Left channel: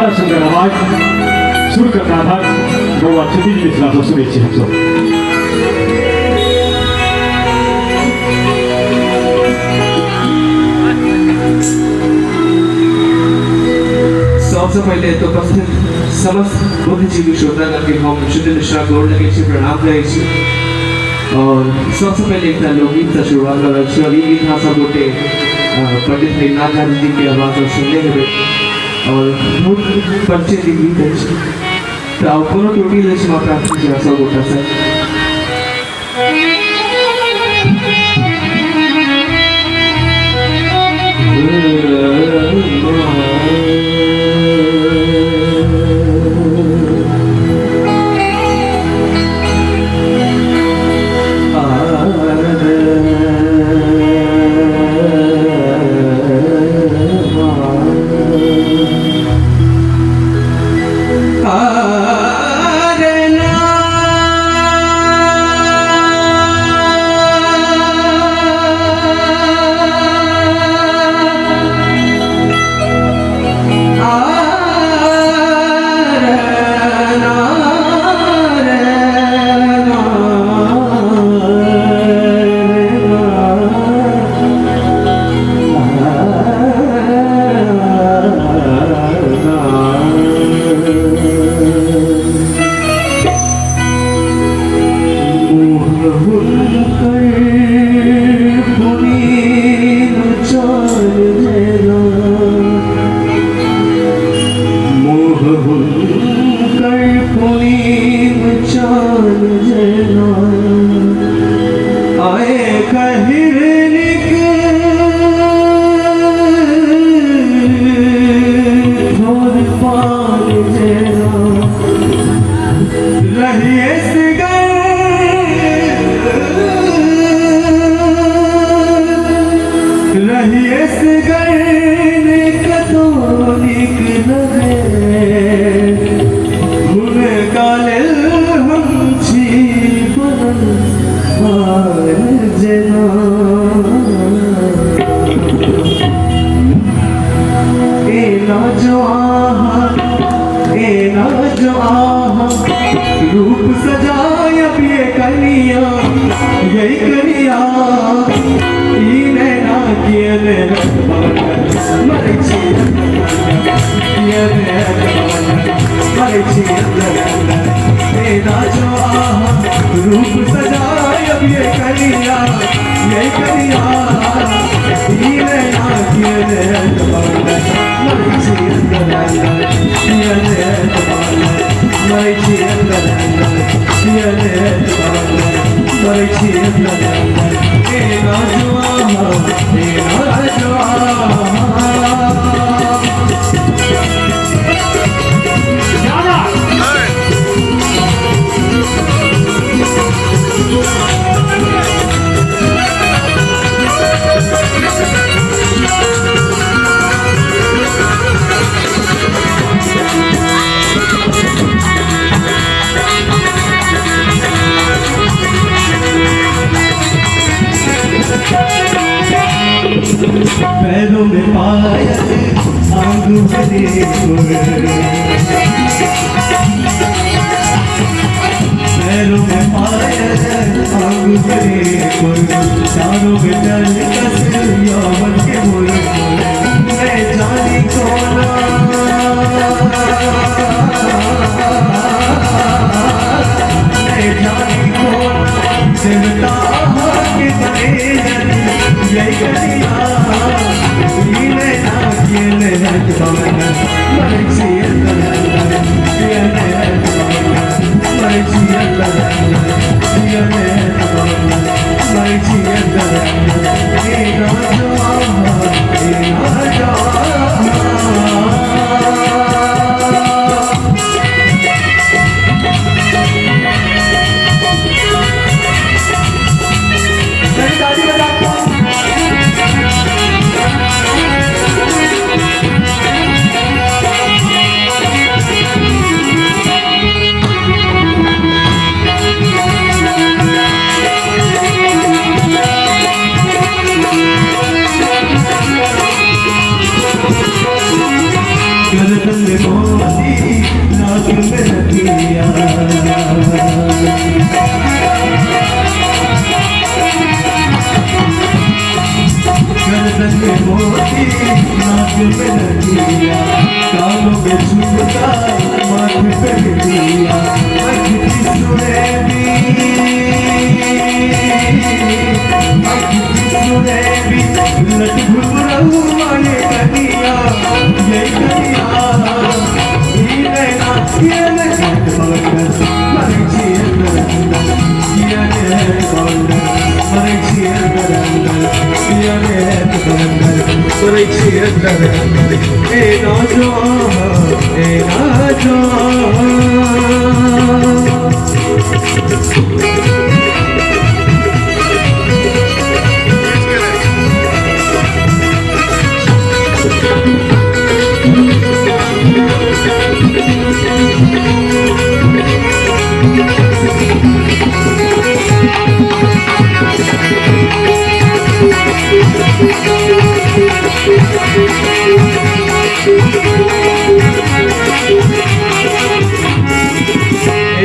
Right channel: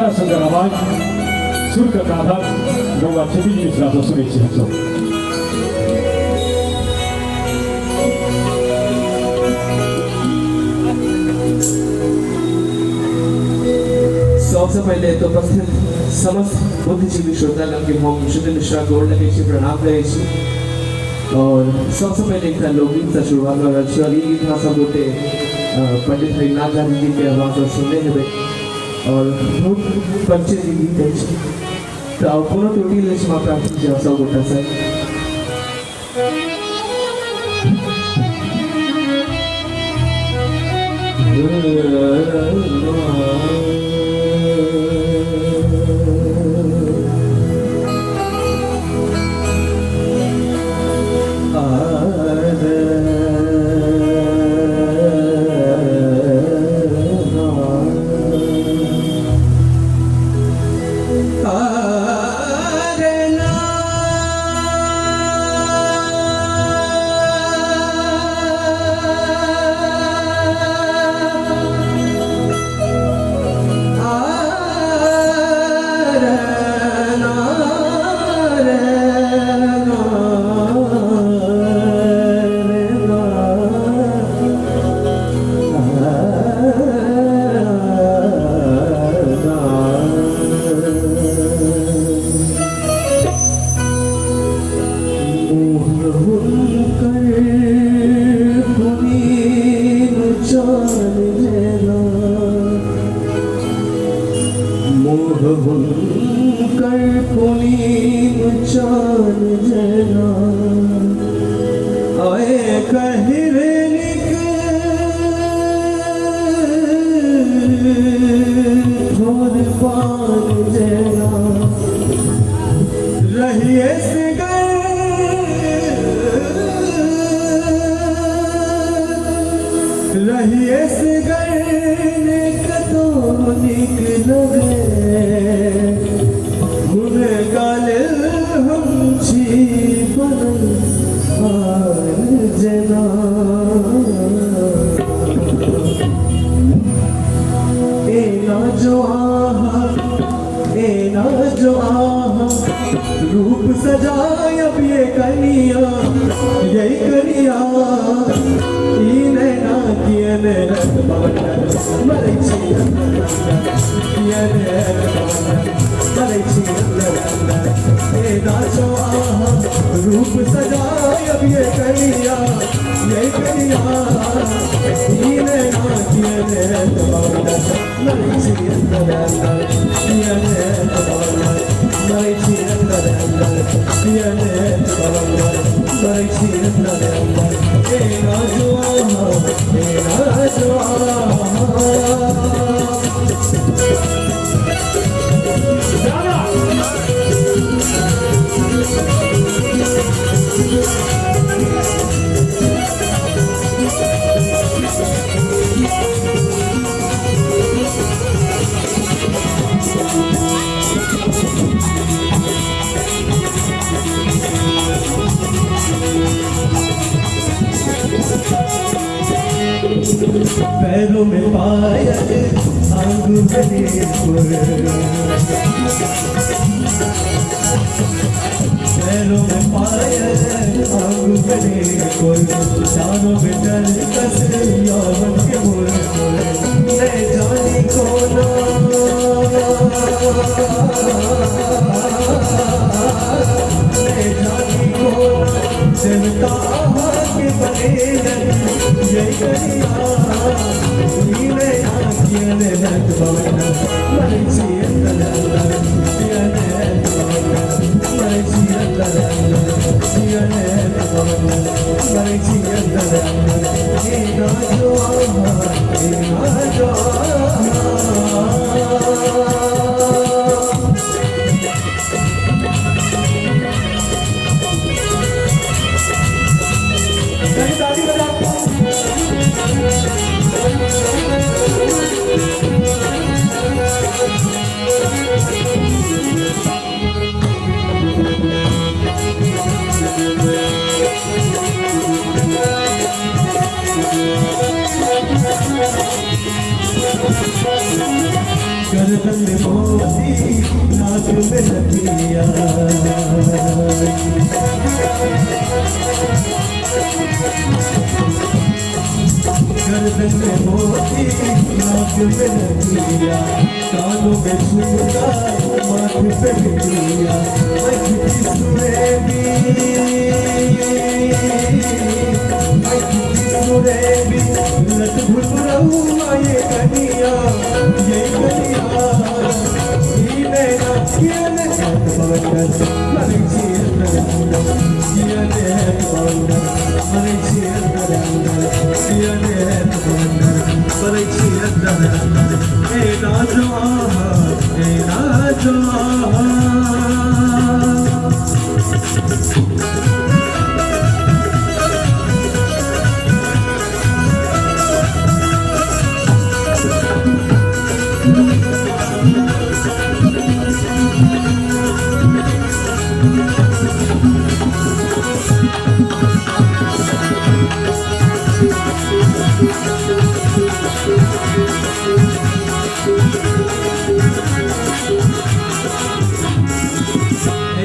तारा संग आवाज सुर का नाभाग नौवा छती जी मिश्रा तो सुने छी हम सब सबसे पहले तो उपस्थित समस्त बुद्धिजीवी श्रोतागण के हम शुद्ध मिश्रा को लगे छे प्रणाम करै छी और सबसे पहले एक लोकगीत से शुरुआत करै छी और ई गीत भाषा गोटे पंडित हरिनाथ जी के आवाज में सुनले हेबे और बहुत परिचित गीत है तो कोनो टूटी ले छी प्रार्थना छी सब गोटा से मोती नाक में दिया गर्दन में मोती नाक में दिया कानों में झुमका माथे पे दिया आँख की सुनेली आँख की सुनेली लट घुघराऊं ये कनिया ये नैना ये नैना मरे छिए ये नैना मरे छिए ये नैना मरे छिए ए नाजो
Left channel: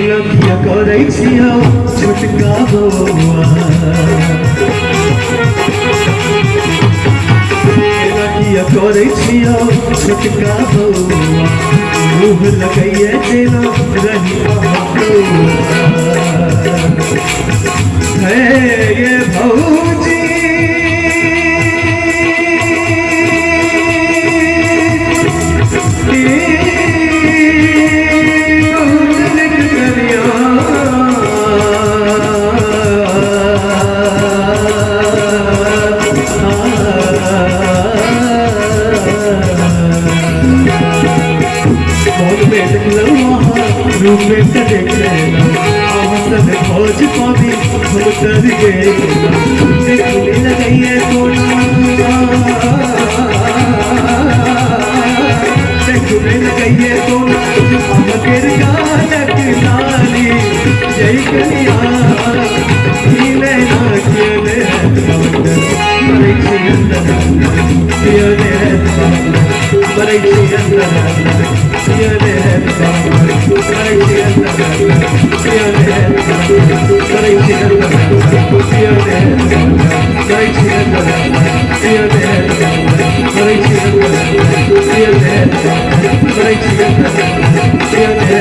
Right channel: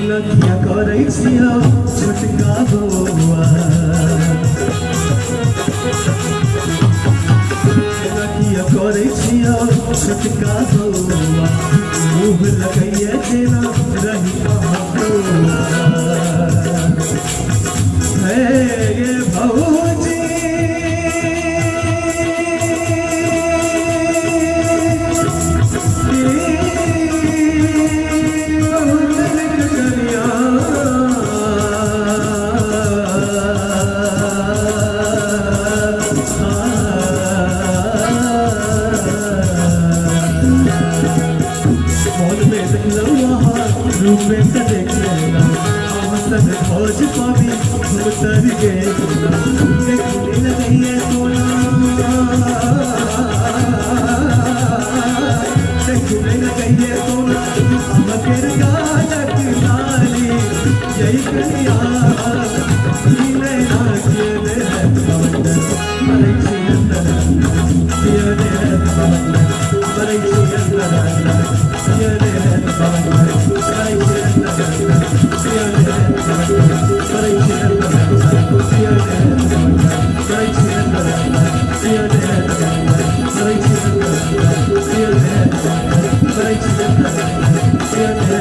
लखिया करै छियौ छोटका बौआ लखिया करै छियौ छोटका बौआ मुँह लगैए जेना रही है ये भौजी रूप में देखे अवसर खोज पावी हम तर गए देखने लगे ये सोना देखने लगे ये सोना हम गिर गायक नाली जय कन्या नैना खेले मरे छी अंदर मरे छी Yeah.